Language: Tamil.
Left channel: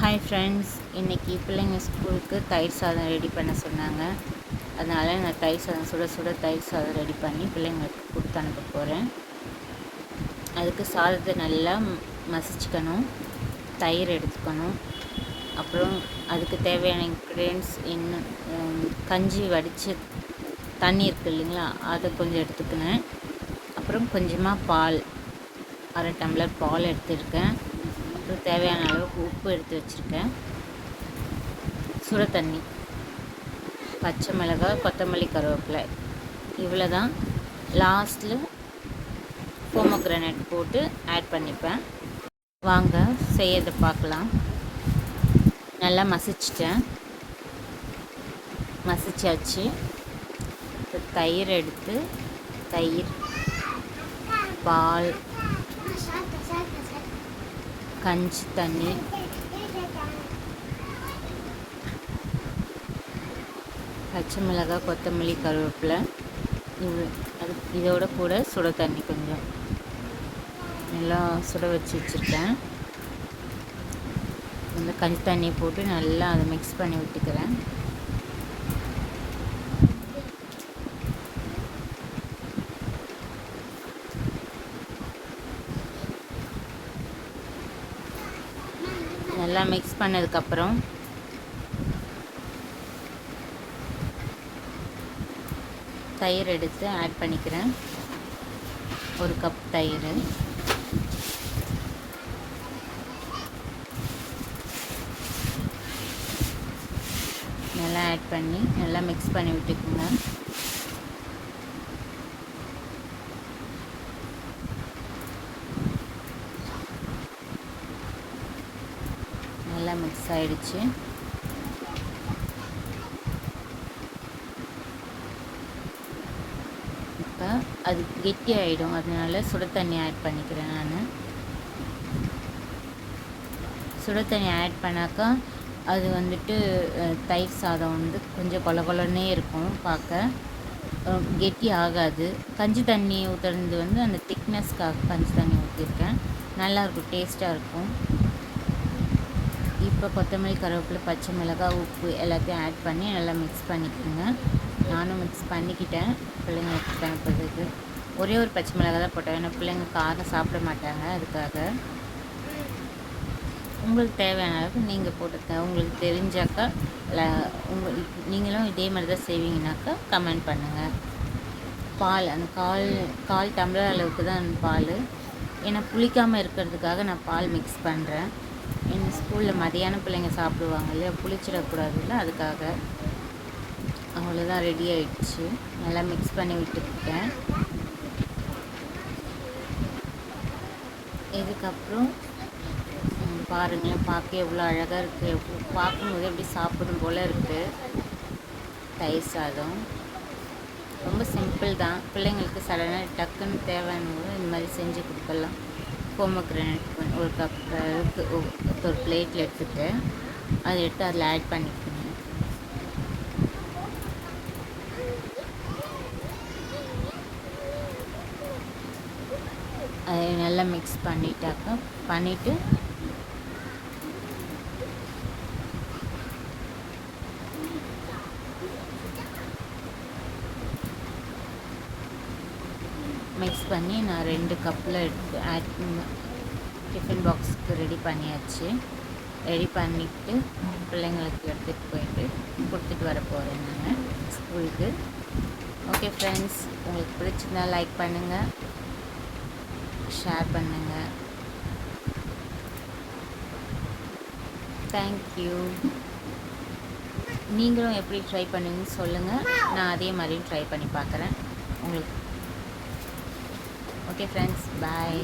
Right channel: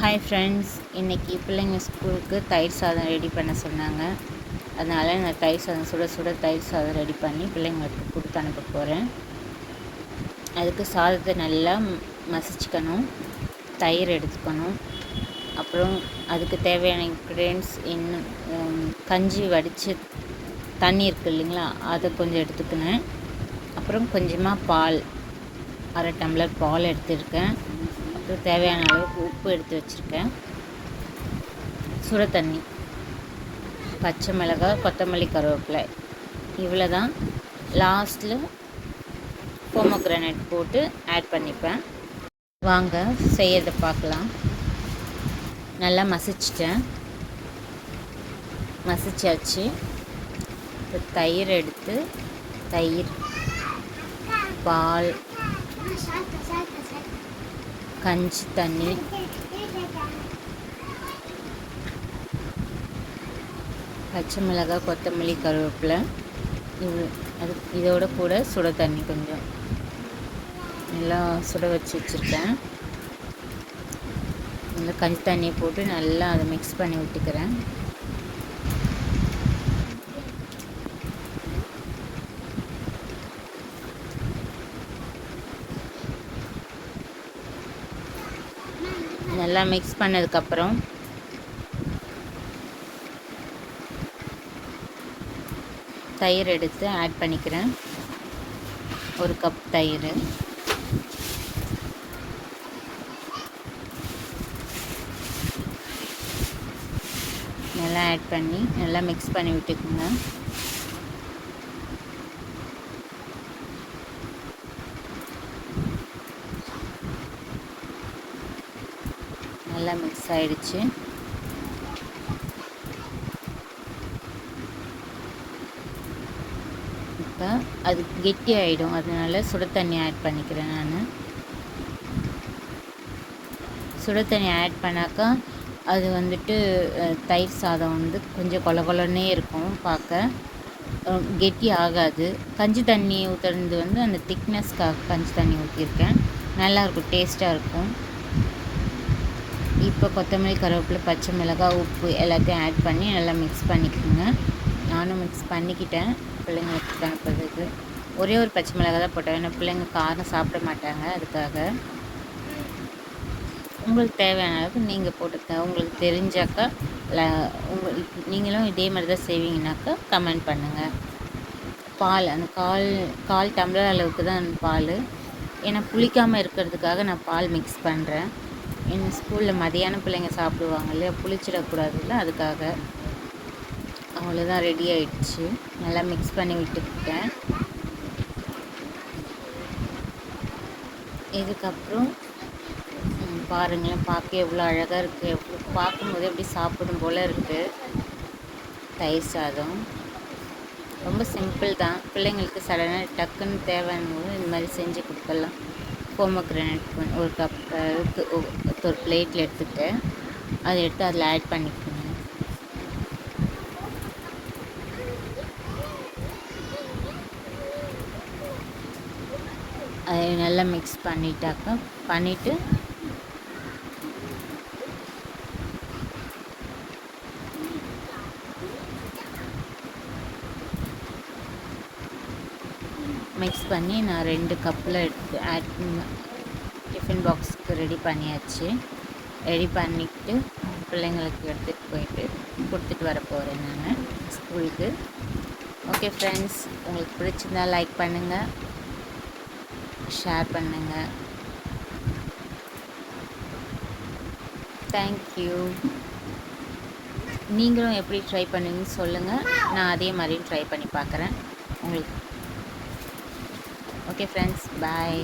ஹாய் ஃப்ரெண்ட்ஸ் இன்றைக்கி பிள்ளைங்க ஸ்கூலுக்கு தயிர் சாதம் ரெடி பண்ண சொன்னாங்க. அதனால் நான் தயிர் சாதம் சுட சுட தயிர் சாதம் ரெடி பண்ணி பிள்ளைங்களுக்கு கொடுத்து அனுப்ப போகிறேன் அதுக்கு சாதத்தை நல்லா மசிச்சுக்கணும் தயிர் எடுத்துக்கணும். அப்புறம் அதுக்கு தேவையான இன்க்ரீடியன்ஸ் இன்னும் கஞ்சி வடித்து தண்ணி இருக்குது இல்லைங்களா அதை கொஞ்சம் எடுத்துக்கினேன். அப்புறம் கொஞ்சமாக பால் அரை டம்ளர் பால் எடுத்துருக்கேன். அப்புறம் தேவையான அளவுக்கு உப்பு எடுத்து வச்சுருக்கேன். சுட தண்ணி. பச்சை மிளகாய் கொத்தமல்லி கருவேப்பிலை. இவ்வளோ தான் லாஸ்ட்டில் போமோக்ரனேட் போட்டு ஆட் பண்ணிப்பேன். வாங்க செய்யறதை பார்க்கலாம். நல்லா மசிச்சிட்டேன். மசிச்சாச்சு. இப்போ தயிர் எடுத்து தயிர் பால் கஞ்சி தண்ணி பச்சை மிளகாய் கொத்தமல்லி கருவேப்பிலை இது அது இதோட கூட சுட தண்ணி கொஞ்சம். நல்லா சுட வச்சு வச்சுருக்கேன். இந்த கஞ்சி தண்ணியை போட்டு நல்லா அதை மிக்ஸ் பண்ணி விட்டுக்கிறேன். நல்லா மிக்ஸ் பண்ணதுக்கப்புறம் தயிர் எடுத்து ஆட் பண்ணிக்கிறேன். ஒரு கப் தயிர். நல்லா ஆட் பண்ணி நல்லா மிக்ஸ் பண்ணி விட்டுக்குங்க. நல்லா மிக்ஸ் ஆகிடுச்சு இப்போ அது கெட்டி ஆகிடும் அதனால சுட தண்ணி ஆட் பண்ணிக்கிறேன் நான். சுட தண்ணி ஆட் பண்ணாக்கா அது வந்துட்டு தயிர் சாதம் வந்து கொஞ்சம் கொல கொலன்னே இருக்கும் பார்க்க கெட்டி ஆகாது. கஞ்சி தண்ணி ஊற்றுறது வந்து அந்த திக்னஸ்க்காக கஞ்சி தண்ணி ஊற்றிருக்கேன் நல்லாயிருக்கும் டேஸ்ட்டாக இருக்கும். இப்போ கொத்தமல்லி கருவேப்பிலை பச்சை மிளகாய் உப்பு எல்லாத்தையும் ஆட் பண்ணி நல்லா மிக்ஸ் பண்ணிக்கோங்க. நானும் மிக்ஸ் பண்ணிக்கிட்டேன். பிள்ளைங்களுக்கு அனுப்புறதுக்கு. ஒரே ஒரு பச்சை மிளகாய் தான் போட்டேன். ஏன்னா பிள்ளைங்க காரம் சாப்பிட மாட்டாங்க அதுக்காக. உங்களுக்கு தேவையான அளவுக்கு நீங்கள் போட்டுக்க உங்களுக்கு தெரிஞ்சாக்கா உங்கள் நீங்களும் இதே மாதிரி தான் செய்வீங்கனாக்கா கமெண்ட் பண்ணுங்கள் பால் அந்த கால் கால் டம்ளர் அளவுக்கு தான் அந்த பால். ஏன்னா புளிக்காமல் இருக்கிறதுக்காக நான் பால் மிக்ஸ் பண்ணுறேன் எங்கள் ஸ்கூலில் மதியானம் பிள்ளைங்க சாப்பிடுவாங்க இல்லையா? புளிச்சிடக்கூடாதுல்ல? அதுக்காக. அவ்வளோதான் ரெடி ஆயிடுச்சு. நல்லா மிக்ஸ் பண்ணி விட்டுருக்கேன் இதுக்கப்புறம் பாருங்களேன் பார்க்க எவ்வளோ அழகாக இருக்குது எவ்வளோ பார்க்கும்போது எப்படி சாப்பிடும் போல் இருக்குது தயிர் சாதம். ரொம்ப சிம்பிள் தான். பிள்ளைங்களுக்கு சடனாக டக்குன்னு தேவைன்னு போது இந்த மாதிரி செஞ்சு கொடுக்கலாம். போமோக்ரானட் ஒரு கப் ஒரு பிளேட்டில் எடுத்துகிட்டு அதை எடுத்து அதில் ஆட் பண்ணிக்கோங்க. அதை நல்லா மிக்ஸ் பண்ணிட்டாக்க பண்ணிவிட்டு மிக்ஸ் பண்ணி நான் ரெண்டு கப்பில் எடுத்து ஆட் டிஃபன் பாக்ஸுக்கு ரெடி பண்ணியாச்சு. ரெடி பண்ணிவிட்டு பிள்ளைங்களுக்கு எடுத்துகிட்டு போயிட்டு கொடுத்துட்டு வர போகிறேன் நான் ஸ்கூலுக்கு. ஓகே ஃப்ரெண்ட்ஸ் உங்களுக்கு பிடிச்சிருந்தா லைக் பண்ணுங்கள் ஷேர் பண்ணுங்கள் தேங்க்யூ நீங்களும் எப்படி ட்ரை பண்ணுவீங்கன்னு சொல்லுங்கள் நான் அதே மாதிரியும் ட்ரை பண்ணி பார்க்குறேன். உங்களுக்கு. Okay friends bye